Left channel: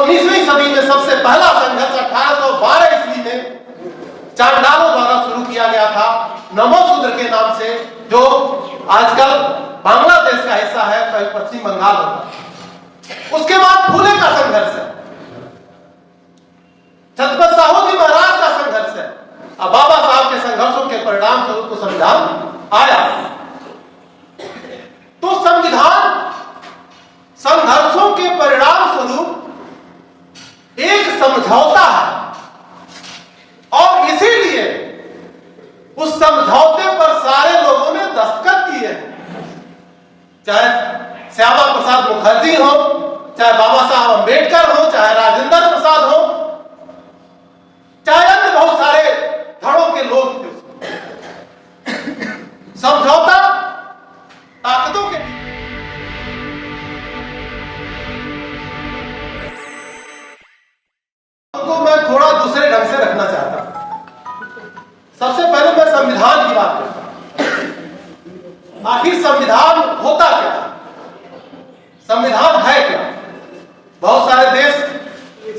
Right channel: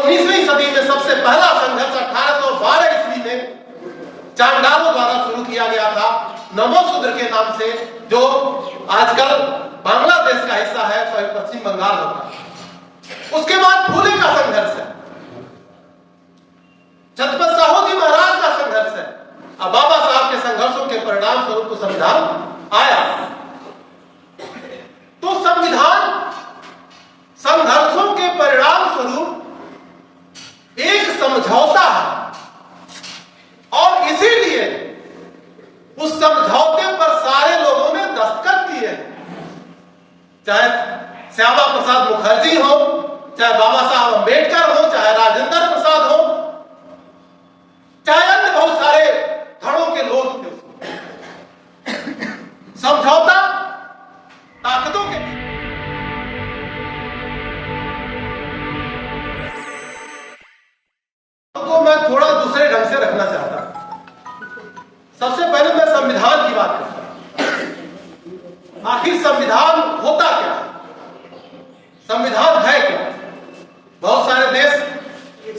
19वीं सदी में सबसे पहला संघर्ष 1812 ईस्वी में चांडालों द्वारा शुरू किया गया था, नमोसूत्र के नाम से, जो आजकल बांग्लादेश का हिस्सा है, पश्चिम बंगाल होता है। उसके बाद फूले का संघर्ष है, छत्रपति साहू जी महाराज का संघर्ष है। अब बाबा साहब के संघर्षों के परिणाम स्वरूप तो संविधान आया। तो संविधान संघर्षों के परिणाम स्वरूप एक समझौता है, और इसीलिए उस समझौते पर सारे लोगों ने दस्तखत किए हैं, चाहे श्यामा प्रसाद मुखर्जी हो, चाहे बाबा साहब अंबेडकर हो, चाहे राजेंद्र प्रसाद हो, चाहे अन्य बहुत सारे धड़ों के लोग थे। समझौता ताकतों के तो मैं थोड़ा दूसरे ढंग से रखना चाहता हूं। सबसे पहले मैं संविधान की बात करता हूं। आखिर संविधान होता क्या है, संविधान है क्या? बहुत सारे देश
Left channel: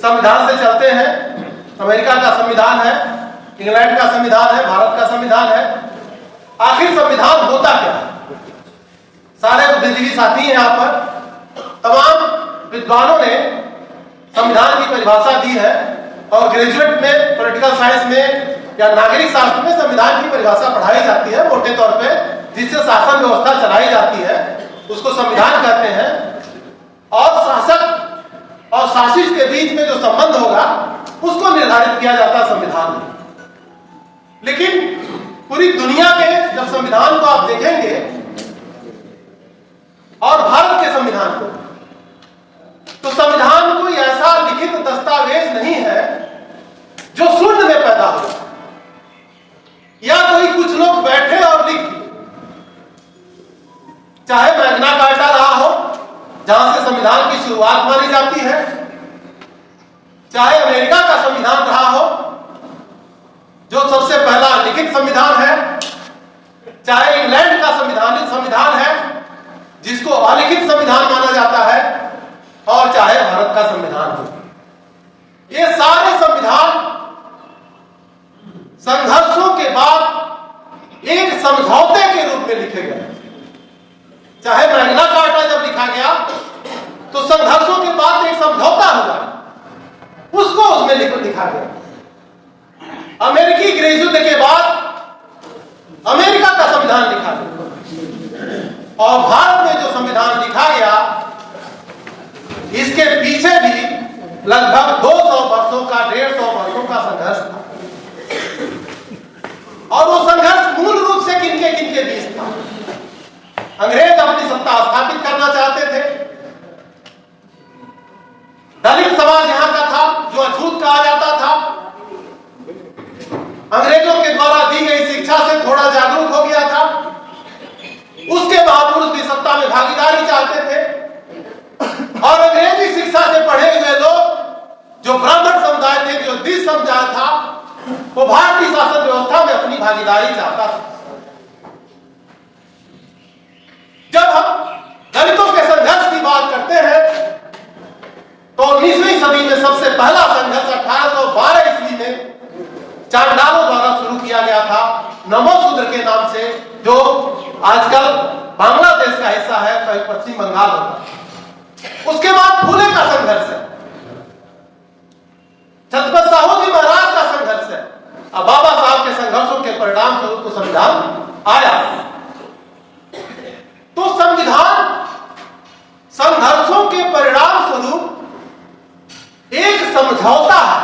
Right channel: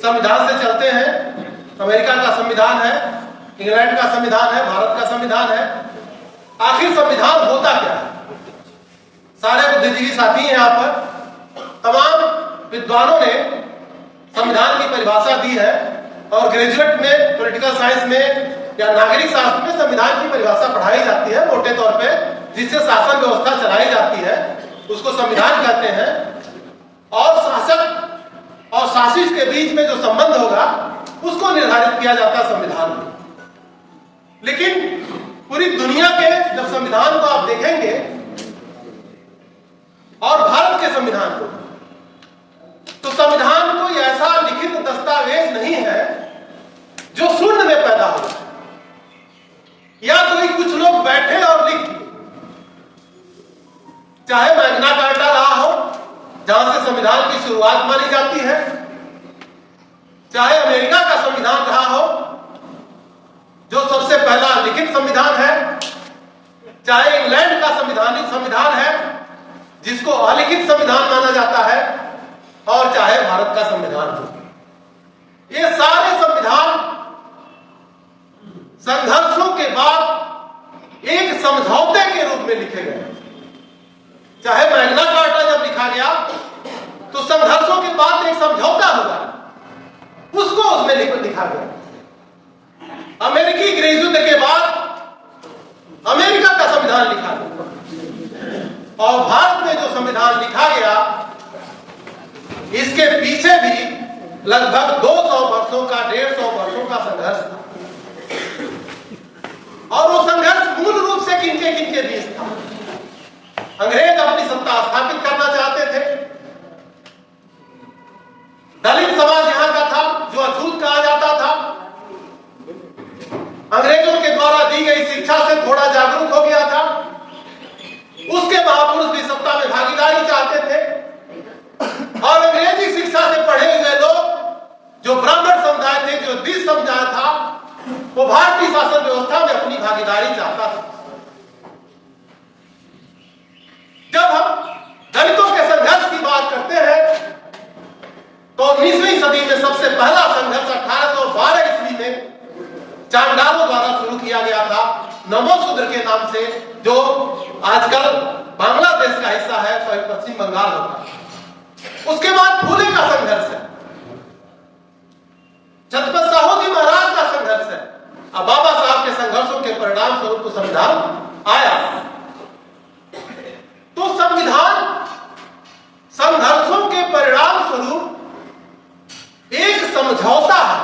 संविधान से चलते हैं। अमेरिका का संविधान है, इंग्लैंड का संविधान है, भारत का संविधान है। आखिर संविधान होता क्या है? सारे बुद्धिजीवी साथी हैं यहाँ पर, तमाम विद्वानों ने संविधान की परिभाषा दी है, और ग्रेजुएट में, पॉलिटिकल साइंस में या नागरिक शास्त्र में संविधान की परिभाषा पढ़ाई जाती है मोटे तौर पे, जिससे शासन व्यवस्था चलाई जाती है, उसको संविधान कहते हैं। और शासक और शासित के बीच में जो संबंध होगा उसको निर्धारित किया जाता है संविधान में। लेकिन पूरी दुनिया के जब संविधान को आप देखेंगे और भारत के संविधान को, तो संविधान कोई ऐसा लिखित दस्तावेज नहीं है जो शून्य में पैदा हो, या कोई कुछ लोग बैठे और लिख दिए। चाहे मैग्ना कार्टा रहा हो, जहां से संविधान की शुरुआत मानी जाती है, चाहे अमेरिका का संविधान रहा हो जो सबसे पहला लिखित संविधान है, चाहे इंग्लैंड का संविधान है जिसको अलिखित संविधान माना जाता है, और चाहे भारत का संविधान हो। ये सारे संविधान संघर्षों के बाद एक समझौते के रूप में लिखे गए। चाहे मैग्ना कार्टा जब लिखा गया तो संघर्षों के बाद एक समझौता हुआ, उसको उसमें लिखा गया। अमेरिकी गृह युद्ध के बाद अमेरिका का संविधान लिखा गया, और भारत में जो संविधान लिखा गया, इसके पीछे भी लगभग 200 वर्षों का, 150 वर्षों का संघर्ष था। और वो संघर्ष मूल रूप से किनके किनके बीच था? अंग्रेज अपनी सत्ता स्थापित करना चाहते थे, दलित समाज यहां का था जो अछूत कहा जाता था, अंग्रेजों के द्वारा दी गई शिक्षा से थोड़ा जागरूक हो गया था, उसके महापुरुष भी सत्ता में भागीदारी चाहते थे, और अंग्रेजी शिक्षा से पढ़े हुए लोग जो ब्राह्मण समुदाय थे, जो द्विज समुदाय था, वो भारतीय शासन व्यवस्था में अपनी भागीदारी चाहता था। जब हम दलितों के संघर्ष की बात करते हैं तो 19वीं सदी में सबसे पहला संघर्ष 1812 ईस्वी में चांडालों द्वारा शुरू किया गया था, नमोसूत्र के नाम से, जो आजकल बांग्लादेश का हिस्सा है, पश्चिम बंगाल होता है। उसके बाद फूले का संघर्ष है, छत्रपति साहू जी महाराज का संघर्ष है। अब बाबा साहब के संघर्षों के परिणाम स्वरूप तो संविधान आया। तो संविधान संघर्षों के परिणाम स्वरूप एक समझौता है,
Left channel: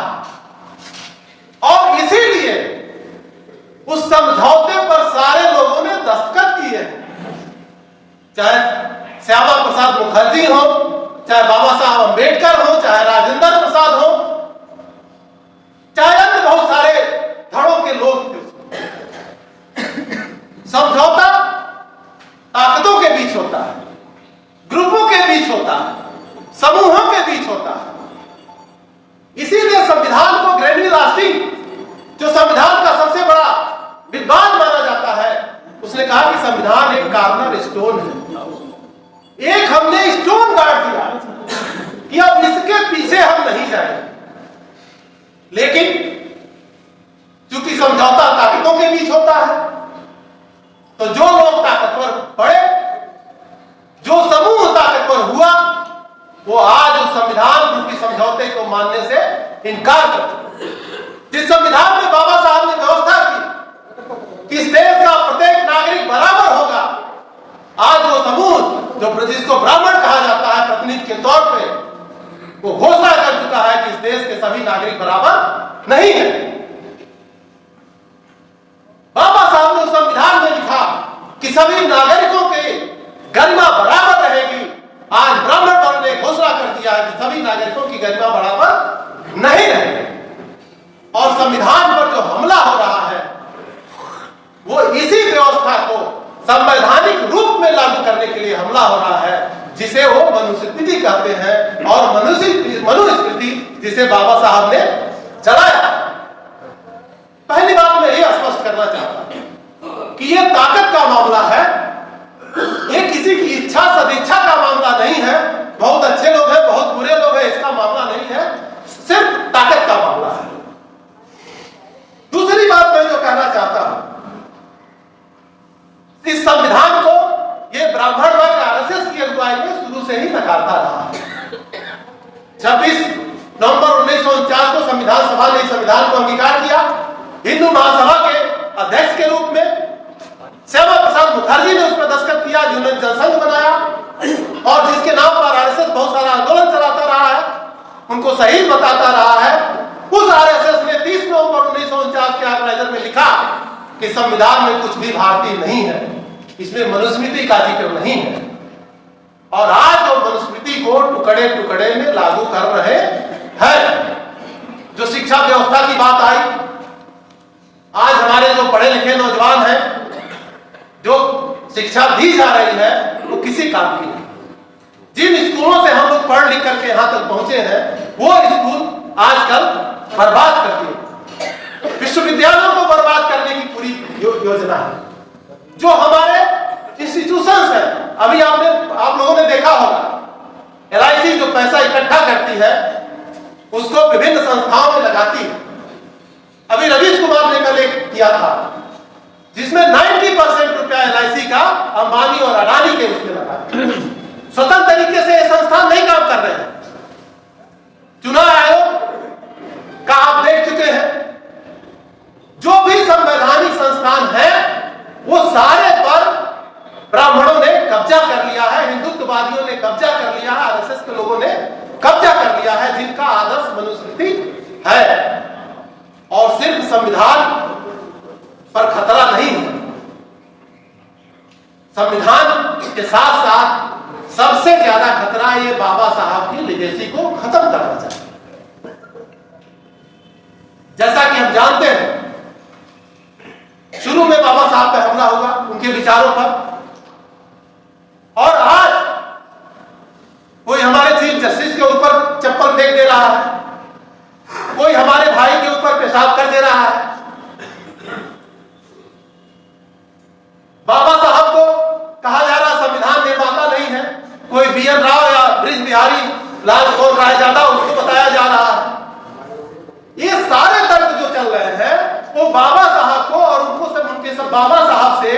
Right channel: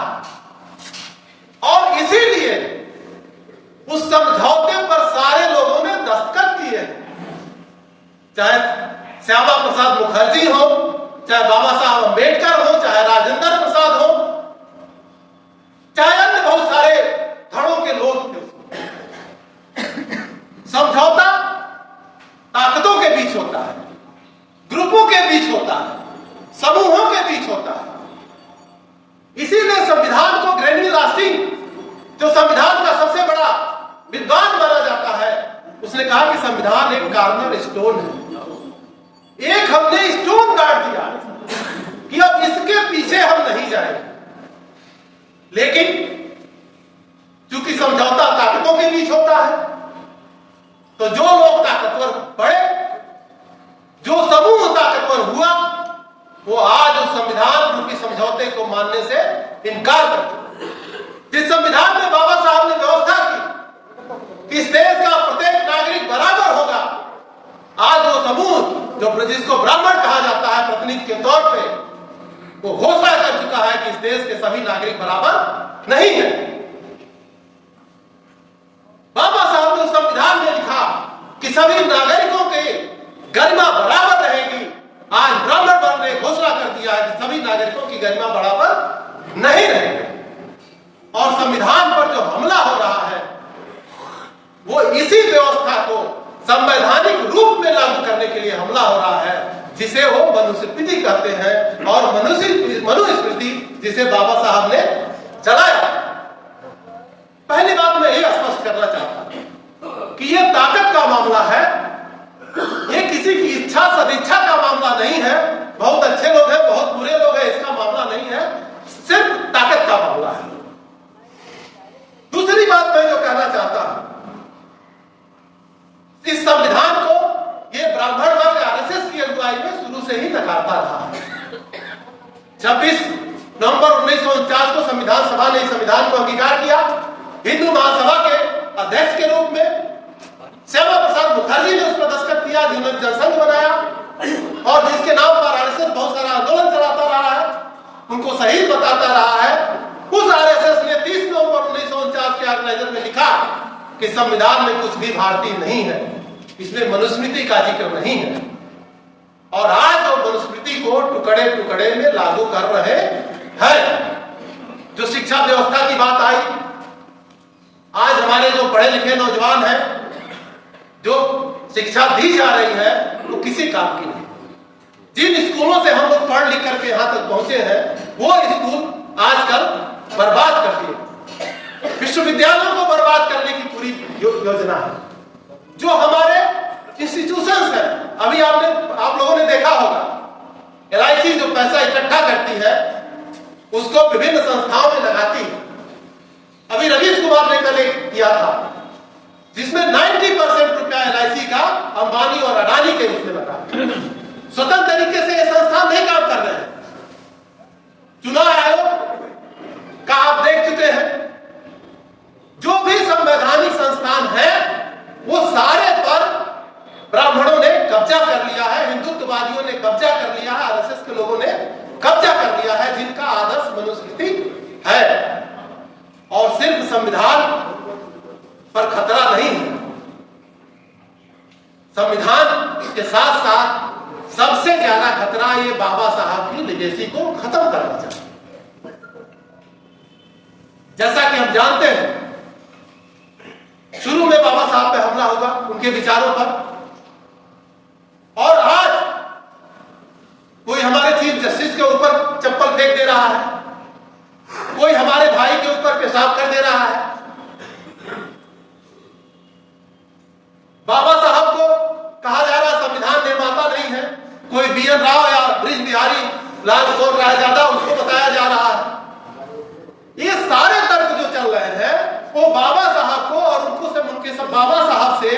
और इसीलिए उस समझौते पर सारे लोगों ने दस्तखत किए हैं, चाहे श्यामा प्रसाद मुखर्जी हो, चाहे बाबा साहब अंबेडकर हो, चाहे राजेंद्र प्रसाद हो, चाहे अन्य बहुत सारे धड़ों के लोग थे। समझौता ताकतों के बीच होता है, ग्रुपों के बीच होता है, समूहों के बीच होता है। इसीलिए संविधान को ग्रैनी लास्टिंग, जो संविधान का सबसे बड़ा विद्वान माना जाता है, उसने कहा कि संविधान एक कार्नर स्टोन है। एक हमने स्टोन गाड़ दिया कि अब इसके पीछे हम नहीं लेकिन चूंकि समझौता ताकतों के बीच होता है, तो जो लोग ताकतवर पड़े, जो समूह ताकतवर हुआ, वो आज उस संविधान रूपी समझौते को मानने से इनकार करते। जिस संविधान में बाबा साहब ने व्यवस्था की कि इस देश का प्रत्येक नागरिक बराबर होगा, आज वो समूह जो जिसको ब्राह्मण कहा जाता है प्रतिनिधि के तौर पे, वो घोषणा कर चुका है कि इस देश के सभी नागरिक बराबर नहीं है। बाबा साहब ने संविधान में लिखा कि सभी नागरिकों के गरिमा बराबर रहेगी। आज ब्राह्मण वर्ण ने घोषणा कर दिया है कि सभी नागरिकों की गरिमा बराबर नहीं रहेगी। और संविधान पर जो हमला हो रहा है वो इसी व्यवस्था को संवैधानिक रूप में लागू करने के लिए हमला हो रहा है, जिसे वो मनुस्मृति कहते हैं, और मनुस्मृति जिसे बाबा साहब ने चलाया। पहली बात मैं ये स्पष्ट करना चाहता हूं कि ये ताकत का मामला है, ये किसी की इच्छा सदिच्छा का मामला नहीं है। बहुत अच्छे लोग हैं, बहुत बुरे लोग हैं, इसका मामला नहीं है, सिर्फ ताकत का मामला है। दूसरी बात मैं जो कहना चाहता हूं, इस संविधान को ये ब्राह्मण वर्ग आरएसएस की अगुवाई में शुरू से ही नकारता रहा। 26 नवंबर 1949 को संविधान सभा ने इस संविधान को अंगीकार किया। हिंदू महासभा के अध्यक्ष के रूप में श्यामा प्रसाद मुखर्जी ने उस पर दस्तखत किया, जिन्होंने जनसंघ बनाया और जिसके नाम पर आरएसएस बहुत सारा आंदोलन चलाता रहा है, उनको शहीद बताता रहा है। उस आरएसएस ने 30 नवंबर 1949 के ऑर्गेनाइजर में लिखा कि संविधान में कुछ भी भारतीय नहीं है, इसमें मनुस्मृति का जिक्र नहीं है। और आज वो मनुस्मृति को टुकड़े टुकड़े में लागू कर रहे हैं। जो शिक्षा व्यवस्था की बात आई, आज हमारे जो पढ़े लिखे नौजवान हैं, जो शिक्षा दी जा रही है वो किसी काम की नहीं। जिन स्कूलों से हम लोग पढ़ लिख करके यहां तक पहुंचे हैं, वो स्कूल आजकल बर्बाद कर दिए। विश्वविद्यालयों को बर्बाद करने की पूरी योजना है। जो हमारे इंस्टीट्यूशंस है, अभी आप लोगों ने देखा होगा, LIC जो पैसा इकट्ठा करती है उसको विभिन्न संस्थाओं में लगाती है। अभी रवीश कुमार ने कल एक किया था जिसमें 90% रुपया LIC का अंबानी और अडानी के उसमें लगा। स्वतंत्र तरीके से ये संस्थान नहीं काम कर रहे हैं। चुनाव आयोग का आप देख चुके हैं, जो भी संवैधानिक संस्थान है वो सारे पर ब्राह्मणों ने कब्जा कर लिया है, हिंदुत्ववादियों ने कब्जा कर लिया है, आरएसएस के लोगों ने कब्जा कर लिया है, जिनका आदर्श मनुस्मृति है। और सिर्फ संविधान पर खतरा नहीं है, संविधान के साथ साथ सबसे ज्यादा खतरा ये बाबा साहब की लेगेसी को खत्म करना चाहिए। जैसा कि हम जानते हैं, शुरू में बाबा साहब पे हमला हुआ उनके विचारों पर, और आज कोई हमारे चीफ जस्टिस के ऊपर चप्पल फेंक दे रहा है, कोई हमारे भाई के ऊपर पेशाब कर दे रहा है। बाबा साहब को कहा जा रहा संविधान निर्माता नहीं है, कोई BN राव या ब्रिज बिहारी लाल गौर राय ज्यादा उसको बताया जा रहा है। ये सारे तर्क जो चल रहे हैं वो बाबा साहब को और उनके सब बाबा साहब से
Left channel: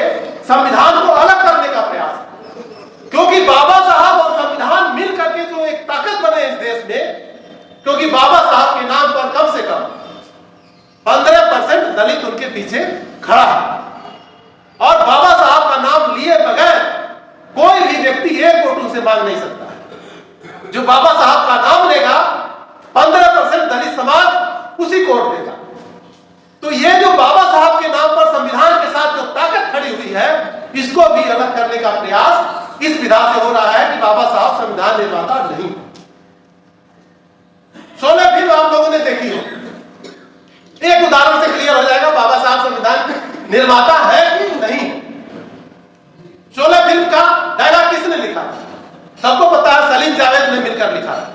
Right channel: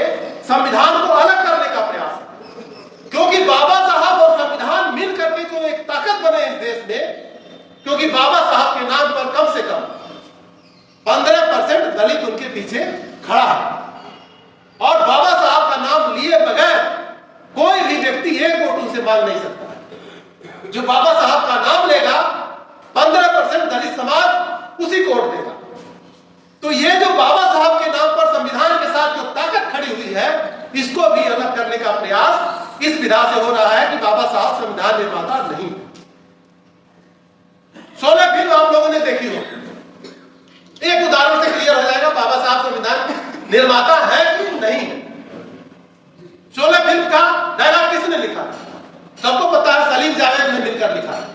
संविधान को अलग करने का प्रयास है। क्योंकि बाबा साहब और संविधान मिल करके जो एक ताकत बने इस देश में, क्योंकि बाबा साहब के नाम पर कम से कम 15% दलित उनके पीछे खड़ा है, और बाबा साहब का नाम लिए बगैर कोई भी व्यक्ति एक वोट उनसे मांग नहीं सकता। जो बाबा साहब का नाम लेगा 15% दलित समाज उसी को वोट देगा। तो ये जो बाबा साहब के नाम पर संविधान के साथ जो ताकत खड़ी हुई है, इसको भी अलग करने का प्रयास इस विधा से हो रहा है कि बाबा साहब संविधान निर्माता नहीं। 16 फिल्म आप लोगों ने देखी हो, एक उदाहरण से क्लियर हो जाएगा बाबा साहब संविधान निर्माता है कि नहीं। 16 फिल्म का डायलॉग किसने लिखा? सबको पता है, सलीम जावेद ने मिलकर लिखा है।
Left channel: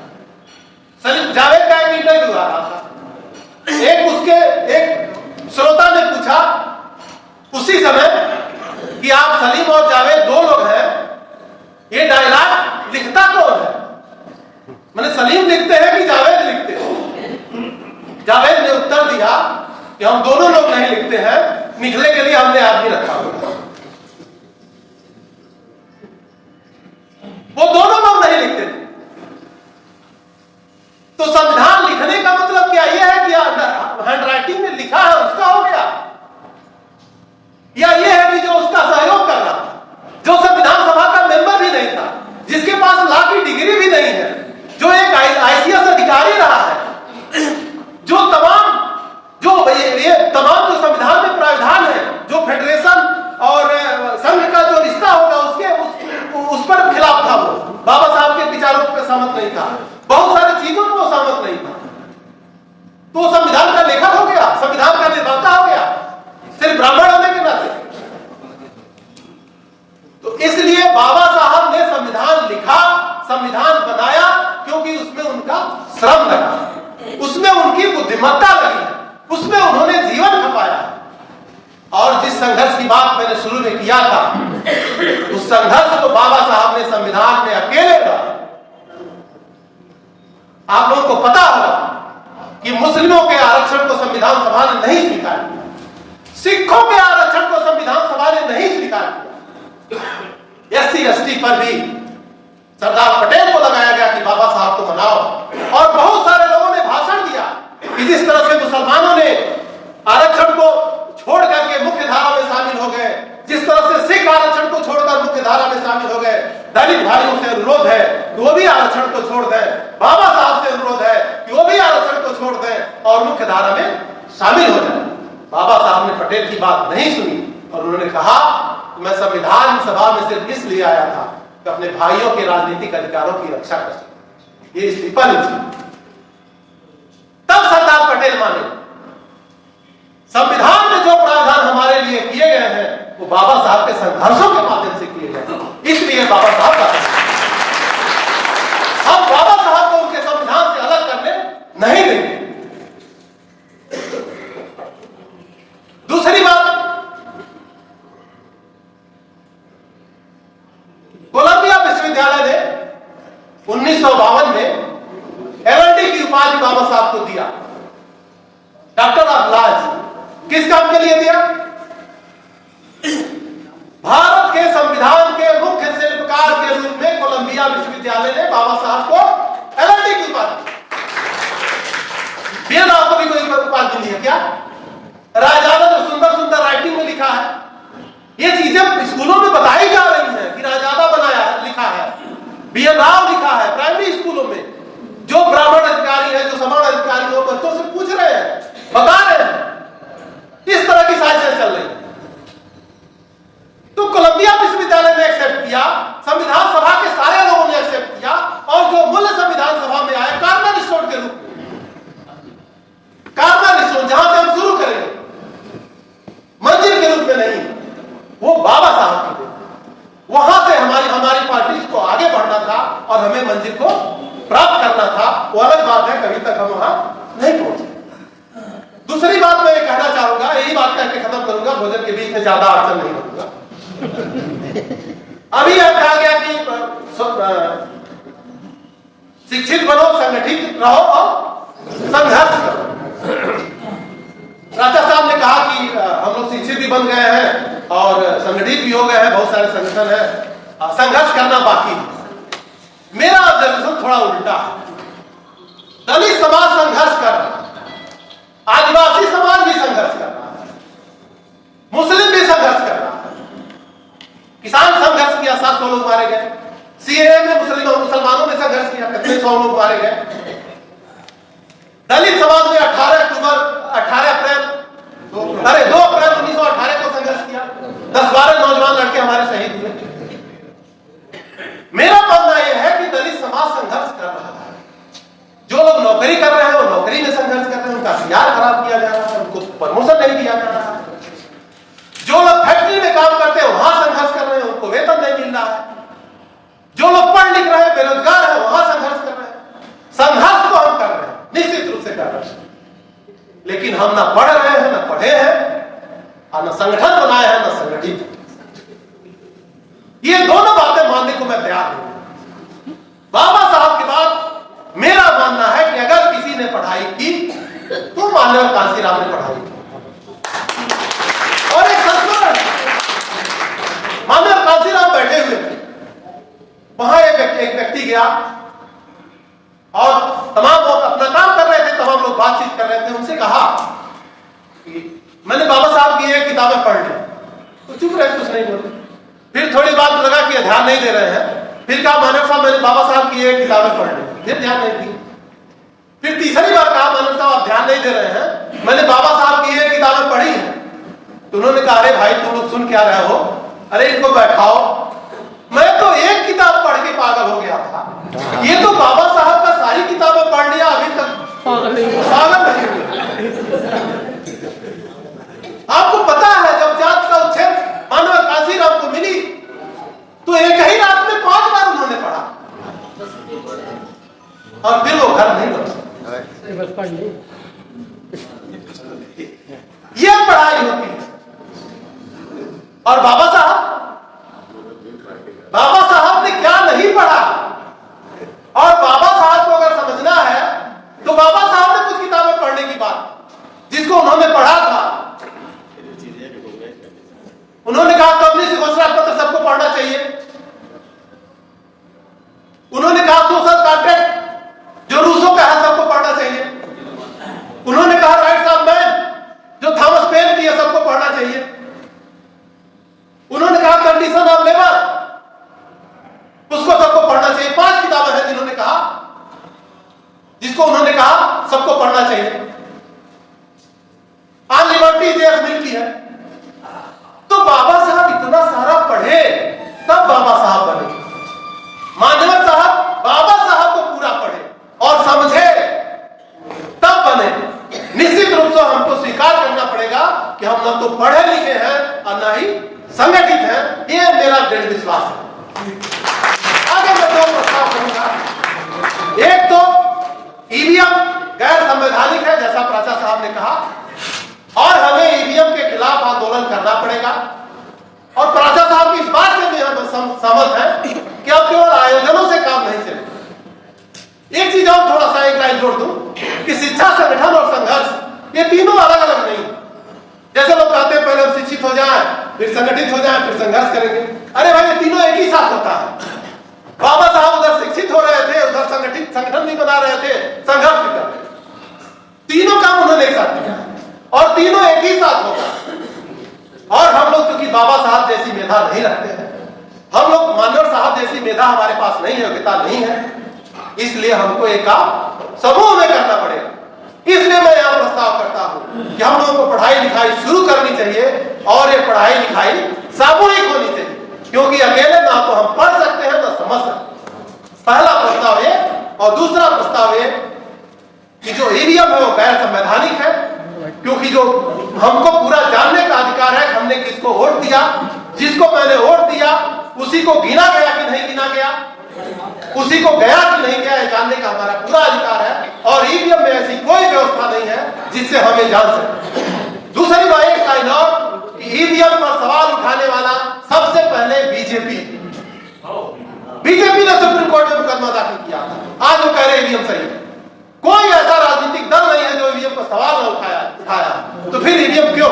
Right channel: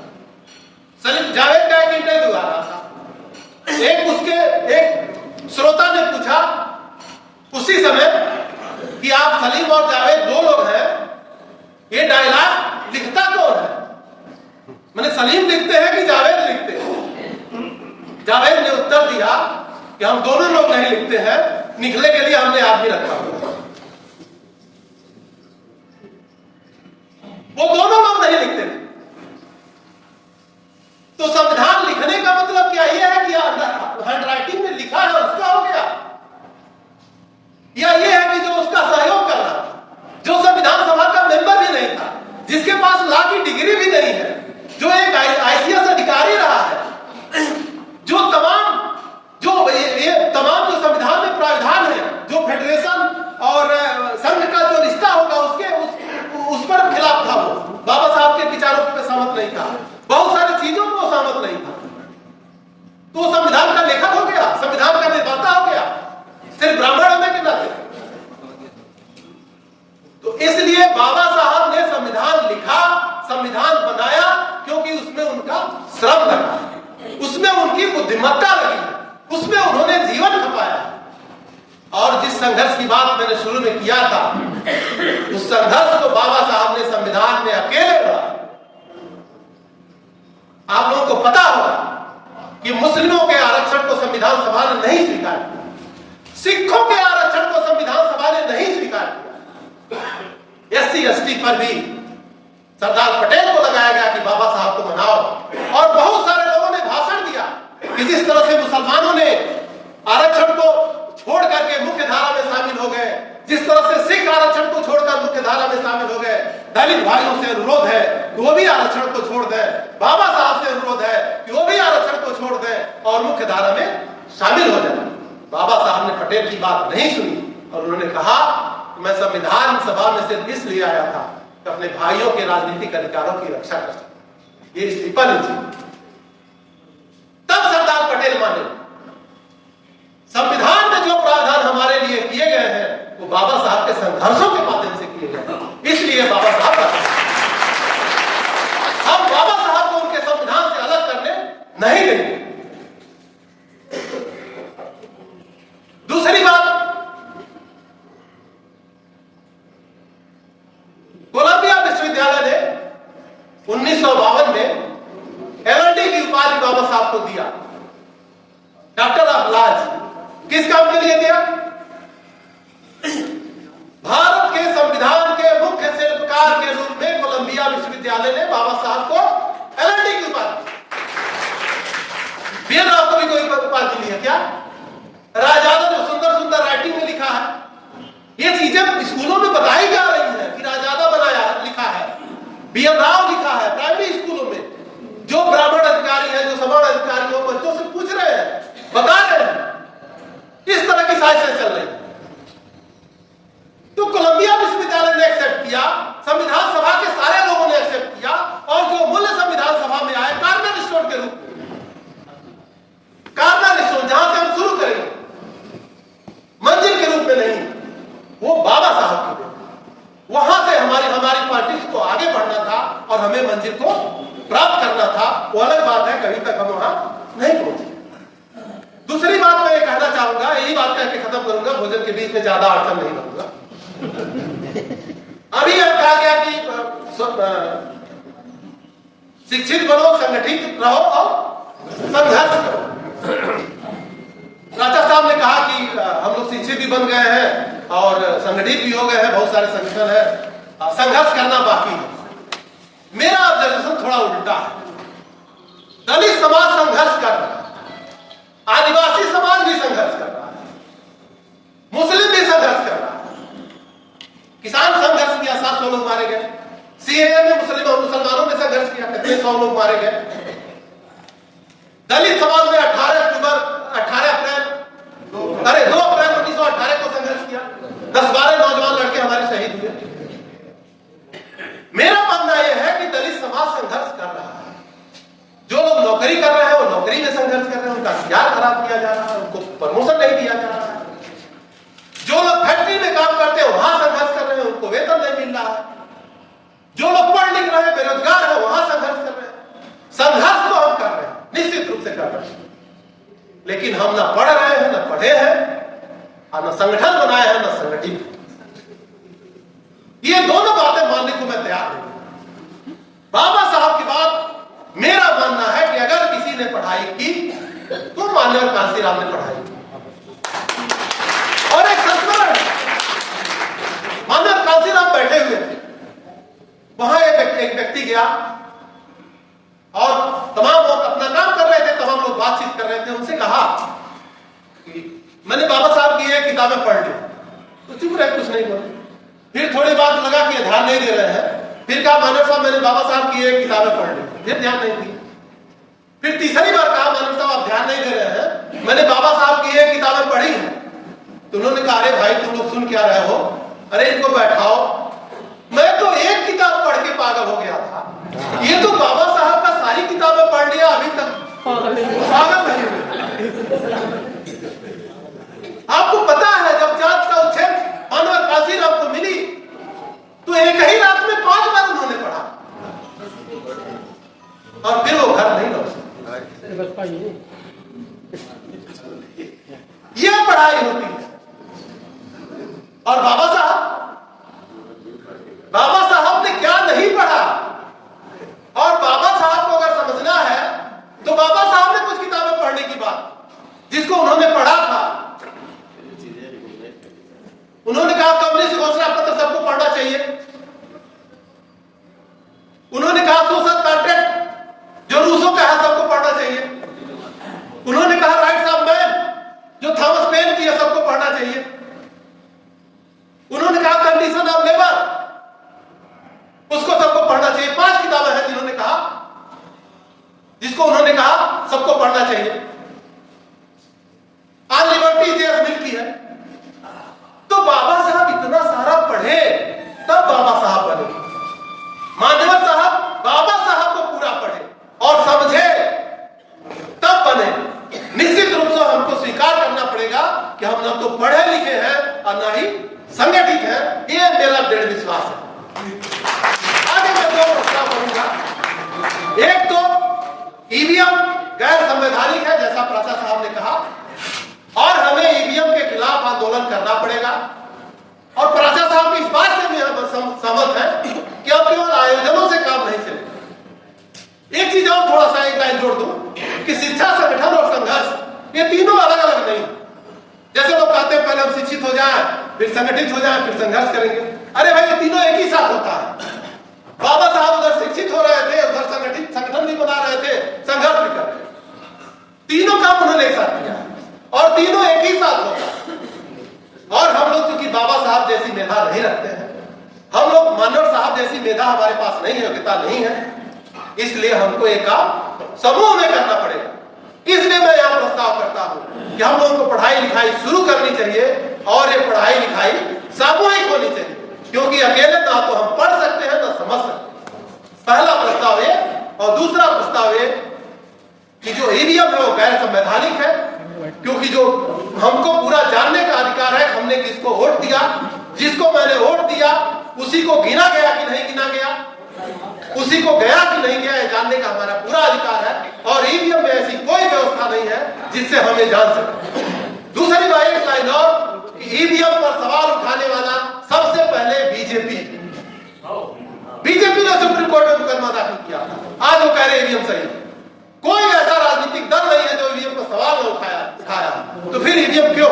सलीम जावेद का एक इंटरव्यू आ रहा था, एक श्रोता ने पूछा उसी समय कि आप सलीम और जावेद दो लोग हैं, ये डायलॉग लिखता कौन है? मैंने सलीम लिखते हैं कि जावेद लिखते हैं? जावेद ने उत्तर दिया कि हम दोनों लोग नहीं लिखते हैं, निकले के लिए हमने आदमी रखा हुआ। वो दोनों लोग नहीं लिखते थे। तो संविधान लिखने का मतलब क्या यह है कि हैंड राइटिंग में लिखा है उसका हो गया, या यह है कि जो उसका सहयोग कर रहा था, जो संविधान सभा का मेंबर भी नहीं था, जिसके पास लॉ की डिग्री भी नहीं है, जो एक आईसीएस अधिकारी रहा है, जो तमाम जो संविधान में प्रावधान है, जो फेडरेशन और संघ का जो रिश्ता होगा उस पर खिलाफ था, वो बाबा साहब के विचारों पर सहमत नहीं था, बहुत सारी चीजों पर सहमत नहीं था, तो संविधान का लेखक हो गया, संविधान का निर्माता हो गया, सिर्फ ब्राह्मण होने के नाते। तो इसलिए बाबा साहब ने संविधान लिखा, संविधान बनाया, क्योंकि उसमें उनका श्रम लगा, उसमें उनकी बुद्धिमत्ता लगी, उसमें उन्होंने जीवन खपाया। और जिस संघर्ष की बात मैंने शुरू में किया था, उस संघर्ष को बाबा साहब ने संविधान में अकेले लड़ा। आप लोगों को पता होगा कि मुस्लिमों के आरक्षण को संविधान सभा ने नहीं स्वीकार किया, सिखों के आरक्षण को संविधान सभा ने नहीं स्वीकार किया, एससी एसटी पर भी सरदार पटेल को लगाया गया कि बाबा साहब को मनाओ। और बहुत सारे लोगों ने भाषण दिया कि जिस तरह से मुसलमानों ने आरक्षण को छोड़ करके मुख्य धारा में शामिल हो गए, जिस तरह से सिख आरक्षण को छोड़कर मुख्य धारा में शामिल हो गए, दलित भाइयों से अनुरोध है कि वो भी आरक्षण को छोड़ दें, बाबा साहब से अनुरोध है कि वो भी आरक्षण को छोड़ दें और मुख्य धारा में शामिल हो जाए। बाबा साहब ने पटेल की बात नहीं सुनी और उन्होंने कहा मैं संविधान सभा में सिर्फ इसलिए आया था कि अपने भाइयों के राजनीतिक अधिकारों की रक्षा कर सके, ये स्टीफन थी। तब सरदार पटेल माने संविधान में जो प्रावधान हमारे लिए किए गए हैं वो बाबा साहब के संघर्षों के माध्यम से किए गए, इसलिए बाबा साहब हम बाबा साहब को उनके संविधान से अलग करने नहीं देंगे। दूसरी बात, कोलंबिया विश्वविद्यालय ने 1952 में एलएलडी की उपाधि बाबा साहब को दिया, डॉक्टर ऑफ लॉज। किस काम के लिए दिया? भारत के संविधान के मुख्य शिल्पकार के रूप में कोलंबिया विश्वविद्यालय ने बाबा साहब को एलएलडी की उपाधि, बिना को भी कोई उपाधि दी है क्या? राजादा जो सुंदर सुंदर राइटिंग में लिखा है, ये चीजें स्कूलों में बताई जा रही हैं कि राजादा बनाया है, लिखा है, बीएन राव लिखा है प्राइमरी स्कूलों में। जो ब्राह्मण अधिकारी है, जो सवर्ण अधिकारी हो, बच्चों से पूछ रहे हैं, बता रहे हैं, इस तरह की साजिशें चल रही। तो कोलंबिया विश्वविद्यालय ने एक्सेप्ट किया, संविधान सभा के सारे लोगों ने एक्सेप्ट किया, और जो मूल्य संविधान सभा में आए कार्नर स्टोन के रूप में, कार्नर स्टोन जहां से हम शुरू करेंगे, मंजिल के रूप में नहीं, वो बाबा साहब की थे। वहां से हमारी पार्टी को आगे बढ़ना था और हमें मंजिल को प्राप्त करना था। वो अलग बात है, कभी तक हम वहां नहीं पहुंचे। दूसरी बात मैं कहना चाहूंगा, यही बात करके खत्म करूंगा, भोजन के बीच में ज्यादा अड़चन नहीं करूंगा। अभी यह कहा गया कि शिक्षित बनो, संगठित रहो और संघर्ष करो। राजा साहब ने कहा कि हम लोग शिक्षित भी बन गए हैं और संगठित भी हो गए हैं, बहुत सारे संगठन है, संघर्ष करना बाकी है। मेरा ऑब्जर्वेशन थोड़ा उल्टा है। दलित समाज संघर्ष कर रहा है, आदिवासी समाज भी संघर्ष कर रहा है, मुस्लिम भी संघर्ष कर रहा है, किसान संघर्ष किया, 700 लोग मारे गए, सीएए में मुसलमानों ने संघर्ष किया, कितने 100 लोग मारे गए। दलित समाज ने 2 अप्रैल 1918 को संघर्ष किया, 10-12 नौजवान लड़के हमारे शहीद हुए। मेरा मानना यह है कि दलित समाज संघर्ष कर रहा है। जो लोग नौकरी कर रहे हैं वो नौकरी में संघर्ष कर रहे हैं, उनका सीआर खराब किया जा रहा है, उनको प्रमोशन नहीं दिया जा रहा है। जो लोग फैक्ट्री में काम करते हैं वहां संघर्ष कर रहे हैं, उनको वेतन नहीं मिल रहा है। जो लोग पढ़ लिख रहे हैं, बेरोजगार है, वहां संघर्ष कर रहे हैं। संघर्ष तो हम कर रहे हैं, निश्चित रूप से कर रहे हैं, लेकिन हम ना पढ़ रहे हैं, ना पढ़े हैं, और न संगठन बनाए हैं, न संगठित। ये दोनों बातें मानने को मैं तैयार नहीं। बाबा साहब के बाद मेरा मानना है कि अगर किसी ने पढ़ाई की तो माननीय कांसीराम ने पढ़ाई। और एक संस्मरण, माननीय कांसीराम बैठे हुए थे, वहां एक व्यक्ति गया और तमाम लोग अपना काम कर रहे थे, तमाम लोग बातचीत कर रहे थे, उनसे कहा कि मैंने बाबा साहब की ये किताबें पढ़ ली। तो चुप रहे, कुछ नहीं बोले। फिर थोड़ी बात लगा कि ध्यान नहीं दे रहे हैं, फिर कहा मानव साहब मैंने बाबा साहब की ये किताबें पढ़ ली, फिर ध्यान नहीं दी। फिर तीसरी बार कहा मानव साहब आप ध्यान नहीं दे रहे हैं, मैंने बाबा साहब की ये किताबें पढ़ी हैं। तो उन्होंने कहा अरे भाई तुम लोग सुन क्या रहे हो, अरे इनको बैठाओ, मैं तो एक किताब पढ़ के पागल हो गया था, ये तो बाबा साहब का सारी किताबें पढ़ लिया, अभी तक पागल नहीं हुए। आपको पता है जब जात का उच्छेद मानव कांसीराम को मिली तो एक ही रात में 5 बार उन्होंने पढ़ा और फिर वो घर नहीं लौट सकते। ये पढ़ाई होती है। और बाबा साहब ने क्या नहीं पढ़ा, और बाबा साहब को अगर समझना है तो बाबा साहब ने कुछ किताबें पढ़ने की बात, जिसको उन्होंने पढ़ा था, उन्होंने कहा कम्युनिस्ट घोषणा पत्र सबको पढ़ना चाहिए। उन्होंने कहा सोशल कॉन्ट्रैक्ट जो रूसो का है सबको पढ़ना चाहिए। उन्होंने कहा राइट्स ऑफ मैन जो थॉमस पेन की है सबको पढ़ना चाहिए। उन्होंने कहा कंडीशन ऑफ लेबर उसको सबको पढ़ना चाहिए। 5 किताबें हैं जिन्होंने कहा, जिसको उन्होंने कहा सबको पढ़ना चाहिए। ऑन लिबर्टी जेएस मिल की है। तो बाबा साहब इतना सारा पढ़े तब बाबा साहब बने। मानव साहब बाबा साहब को पूरा पढ़े और समझे तब बने। निश्चित रूप से हमको स्वीकार करना पड़ेगा कि हम न तो पढ़े लिखे हैं और न ही संगठित हैं, ये मेरा दृढ़ विश्वास है। आगे मैं 2 प्रस्ताव करूंगा। एक तो ईवीएम गैर संवैधानिक है जैसा प्राचा साहब ने कहा, और हमें ईवीएम के खिलाफ आंदोलन करना पड़ेगा। और प्राचा साहब की इस बात से भी हम सहमत हैं कि अब केवल आयोजनों से काम नहीं चलेगा। एक चीज और थोड़ा सा एक लाइन जोड़ दूं कि शिक्षा, संगठन और संघर्ष ये तीनों अलग अलग नहीं। जैसे लोग कहते हैं पहले हम शिक्षित हो जाएं, फिर संगठित हो जाएं, फिर संघर्ष करेंगे। अरे भाई ये तीनों एक ही साथ होता है। बाबा साहब उधर शिक्षित हो रहे थे, उधर संगठन भी बना रहे थे, संघर्ष भी कर रहे थे। तीनों काम उन्होंने एक साथ किया और तीनों एक ही साथ होता। और हम लोग क्योंकि बाबा साहब जैसी मेधा नहीं रखते हैं, हम लोग मानव साहब जैसी मेधा हमारे पास नहीं है, योग्यता नहीं है, इसलिए हमको एक काम समूह में करना पड़ेगा। इसलिए मैं यहां प्रस्ताव करता हूं कि हम लोगों को पढ़ाई लिखाई शुरू करनी चाहिए और ये पढ़ाई लिखाई सामूहिक होनी चाहिए, क्योंकि अकेले ना तो हम पढ़ सकते हैं ना समझ सकते हैं। पहला प्रस्ताव ये। और दूसरा प्रस्ताव ये कि जो ईवीएम है वो गैर संवैधानिक है, क्योंकि जो हमको पूरा जानने का अधिकार है हमने किसको वोट दिया, जिसको मैंने वोट दिया उसी को गिना गया कि नहीं गिना गया, उसी को गया कि नहीं गया, जानने का हमारा पूरा अधिकार है। और ईवीएम में ऐसी कोई व्यवस्था नहीं है जिससे हमें जान सके। दूसरी बात एक लाइन और कि ईवीएम पर सवाल उठाने वाला सबसे पहले बीजेपी ने सुप्रीम कोर्ट में मुकदमा दाखिल किया। आज वो कह रहे ईवीएम सही। कोई ऐसा राजनीतिक दल नहीं है जो ईवीएम पर सवाल न उठाया, तो फिर ईवीएम क्यों?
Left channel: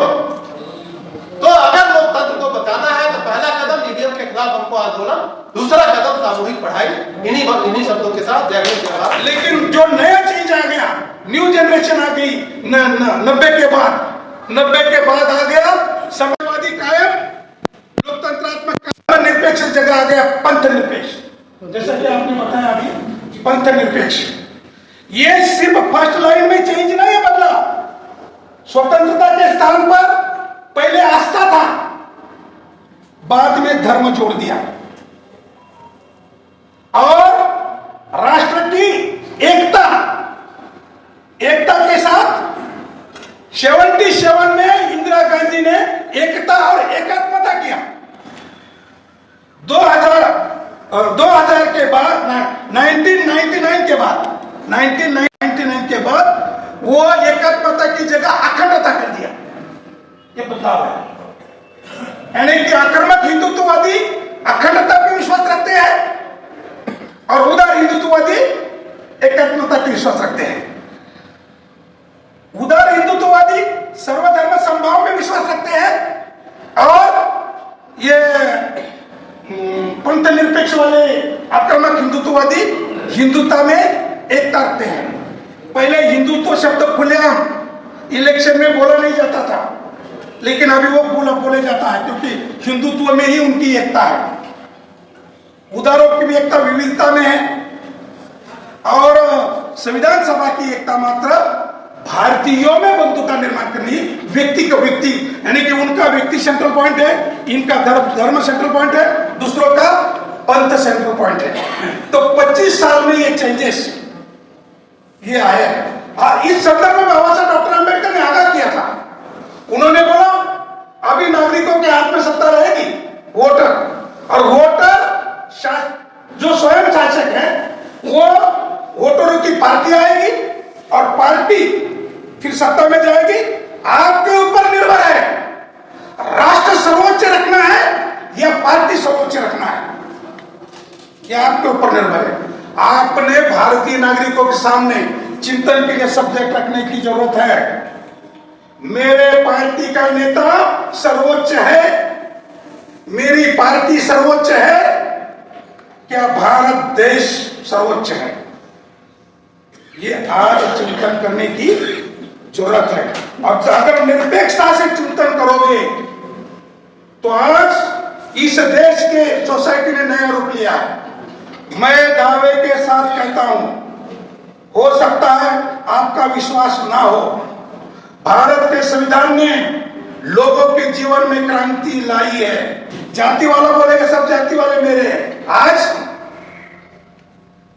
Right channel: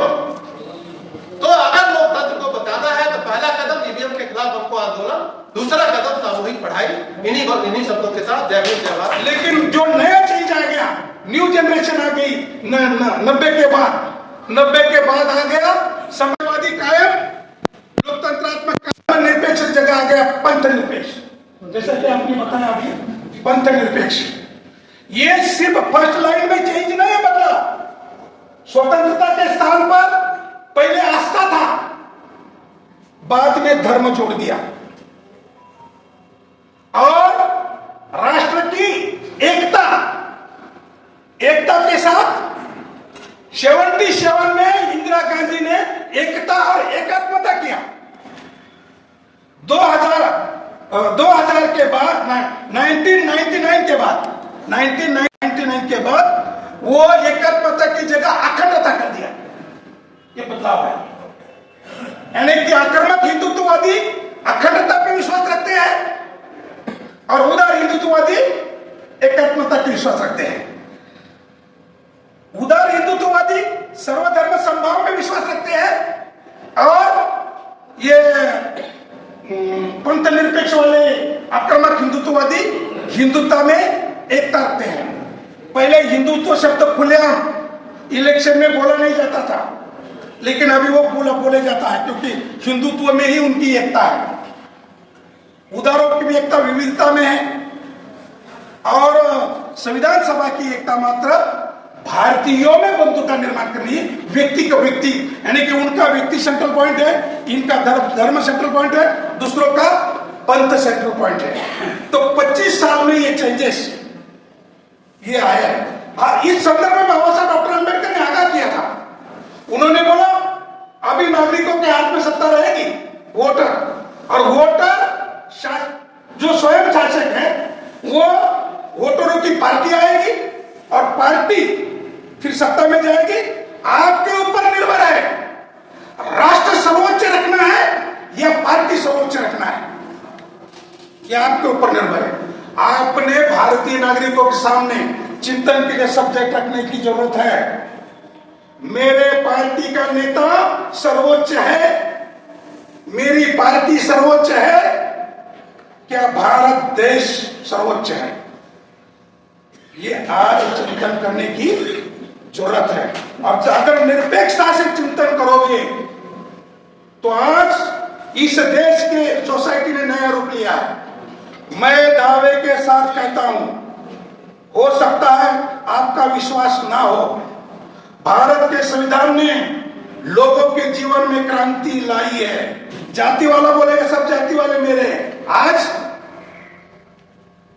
तो अगर लोकतंत्र को बचाना है तो पहला कदम ईवीएम के खिलाफ हमको आंदोलन, दूसरा कदम सामूहिक पढ़ाई। इन्हीं शब्दों के साथ जय हिंद जय भारत। लेकिन जो नया चीज आ गया, न्यू जनरेशन आ गई 90 के बाद आ गया समाजवादी कायम, लोकतंत्रात्मक निरपेक्ष जगह आ गया पंथ निरपेक्ष। जैसा कि आपने बताया अभी पंथ निरपेक्ष, ये सिर्फ फर्स्ट लाइन में चेंज नहीं बदला। स्वतंत्रता के स्थान पर पहले आस्था था, बाद में धर्म जोड़ दिया और राष्ट्र की एकता के साथ 77 में इंदिरा गांधी ने एकता और एकात्मता किया। 2000 के बाद 1999 के बाद वो एकात्मता की जगह अखंडता कर दिया। ये बदलाव है, यानी कि आक्रामक हिंदुत्ववादी अखंडता पे विश्वास रखते हैं और उदार हिंदुत्ववादी एकात्मता पे विश्वास रखते हैं। धर्मनिरपेक्ष वाले आक्रामक हिंदुत्ववादी हिंदुत्व में एकता रखते हैं। पहले हिंदुत्व शब्द खुलेआम इलेक्शन में बोला नहीं जाता था, लेकिन अभी वो बोले जाता है, क्योंकि हिंदुत्व में ही उनकी एकता है। उदारों की भी एकता विविधता में है, और संविधान सभा की एकता मात्र भारतीयों में बंधु का निर्माण करनी, व्यक्ति का व्यक्ति, यानी कि उनका व्यक्ति सेंट्रल पॉइंट है, इनका धर्म सेंट्रल पॉइंट है, दूसरों का पंथ सेंट्रल पॉइंट है। तो 25 साल में ये चेंजेस ये आया है। इस संदर्भ में बाबा साहब डॉक्टर अम्बेडकर ने आगाह किया था। उन्होंने बोला अभी नागरिकों के हाथ में सत्ता रहेगी, वोटर, और वोटर जो स्वयं शासक है वो वोटरों की पार्टी आएगी और पार्टी फिर सत्ता में जाएगी। आपके ऊपर निर्भर है राष्ट्र सर्वोच्च रखना है या पार्टी सर्वोच्च रखना है, यह आपके ऊपर निर्भर है। आपने भारतीय नागरिकों के सामने चिंतन के लिए सब्जेक्ट रखने की जरूरत है। मेरे पार्टी का नेता सर्वोच्च है, मेरी पार्टी सर्वोच्च है, क्या भारत देश सर्वोच्च है? ये आज चिंतन करने की जरूरत है। और अगर निरपेक्षता से चिंतन करोगे तो आज इस देश के सोसाइटी ने नया रूप लिया। मैं दावे के साथ कहता हूं, हो सकता है आपका विश्वास ना हो, भारत के संविधान ने लोगों के जीवन में क्रांति लाई है। जाति वाला बोलेगा सब जाति वाले मेरे हैं।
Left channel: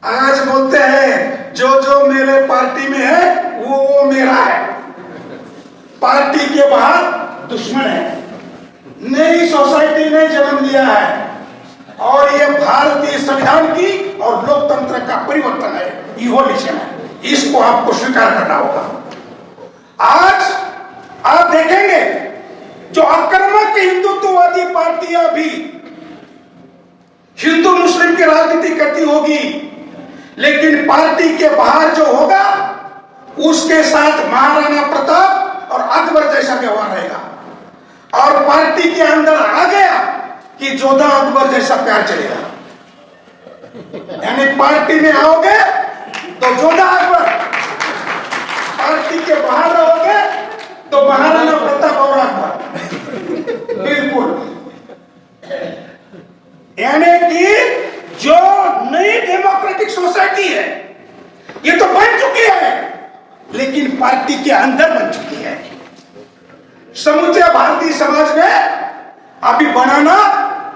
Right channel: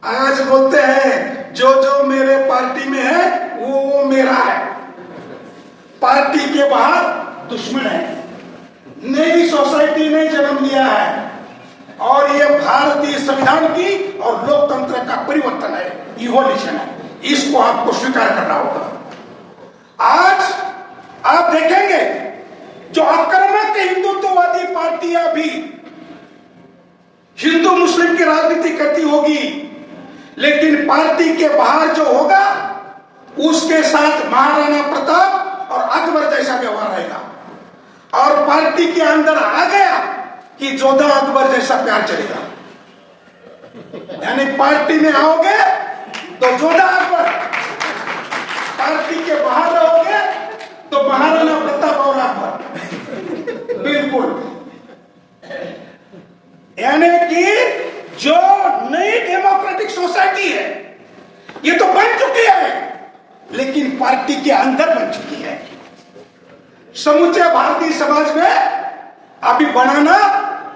आज बोलते हैं जो मेरे पार्टी में है वो मेरा है, पार्टी के बाहर दुश्मन है। नई सोसाइटी ने जन्म लिया है और ये भारतीय संविधान की और लोकतंत्र का परिवर्तन है, इवोल्यूशन है। इसको आपको स्वीकार करना होगा। आज आप देखेंगे जो आक्रामक हिंदुत्ववादी पार्टियां भी हिंदू मुस्लिम की राजनीति करती होगी, लेकिन पार्टी के बाहर जो होगा उसके साथ महाराणा प्रताप और अकबर जैसा व्यवहार रहेगा। और पार्टी के अंदर आ गया कि जोधा अकबर जैसा प्यार चलेगा। यानी पार्टी में आओगे तो जोधा अकबर, पार्टी के बाहर रहोगे तो महाराणा प्रताप और अकबर। बिल्कुल, यानी कि जो नई डेमोक्रेटिक सोसाइटी है ये तो बन चुकी है, लेकिन पार्टी के अंदर बन चुकी है। समूचे भारतीय समाज में अभी बनाना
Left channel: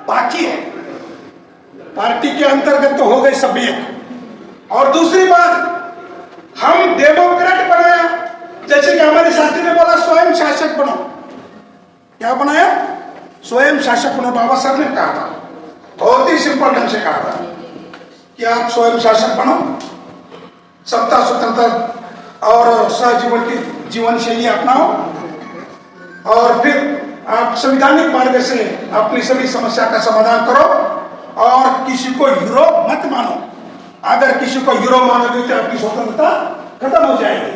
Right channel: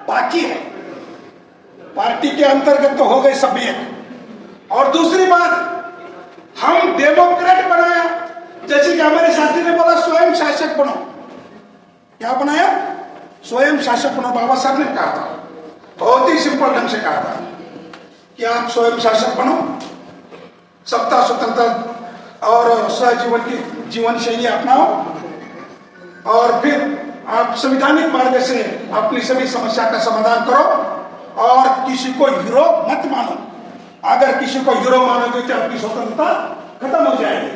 बाकी है। पार्टी के अंतर्गत तो हो गई सभ्यता। और दूसरी बात, हम डेमोक्रेट बनाया, जैसे कि हमारे साथी ने बोला स्वयं शासक बनो। क्या बनाया? स्वयं शासक बनो। बाबा साहब ने कहा था, बहुत ही सिंपल ढंग से कहा था कि आप स्वयं शासक बनो, सत्ता स्वतंत्रता और सहजीवन की जीवन शैली अपनाओ, और फिर आप संवैधानिक मार्ग से अपनी सभी समस्या का समाधान करो और किसी को हीरो मत मानो। अगर किसी को हीरो मानोगे तो आपकी स्वतंत्रता खत्म हो जाएगी।